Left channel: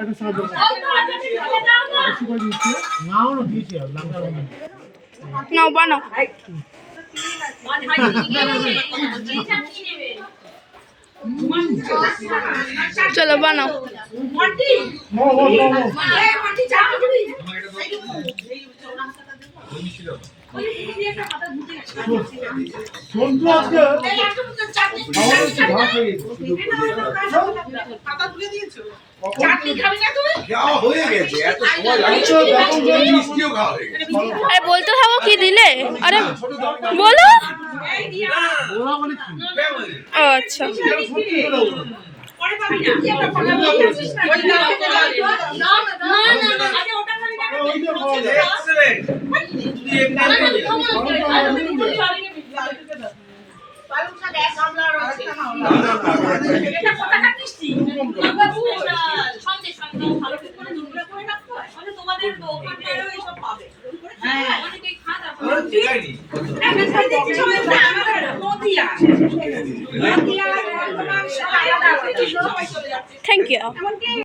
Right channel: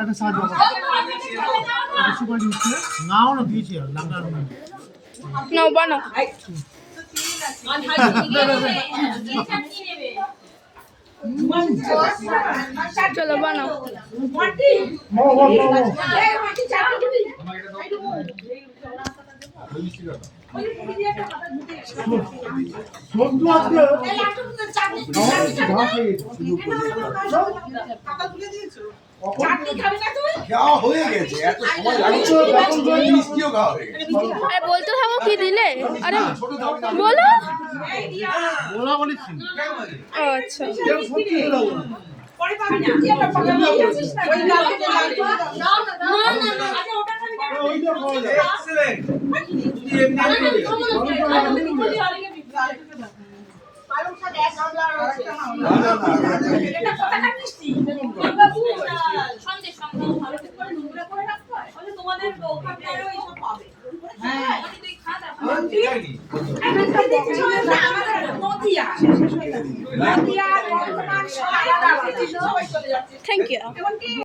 একটা সাহায্য দিচ্ছে নাও না দিয়েছি আর লাঙ্গা নাও বানাও চলো বানাও সন্তু আজকে আরে বলতে থাকো কি দিলে আরে বলো ও আচ্ছা থ্যাংক ইউ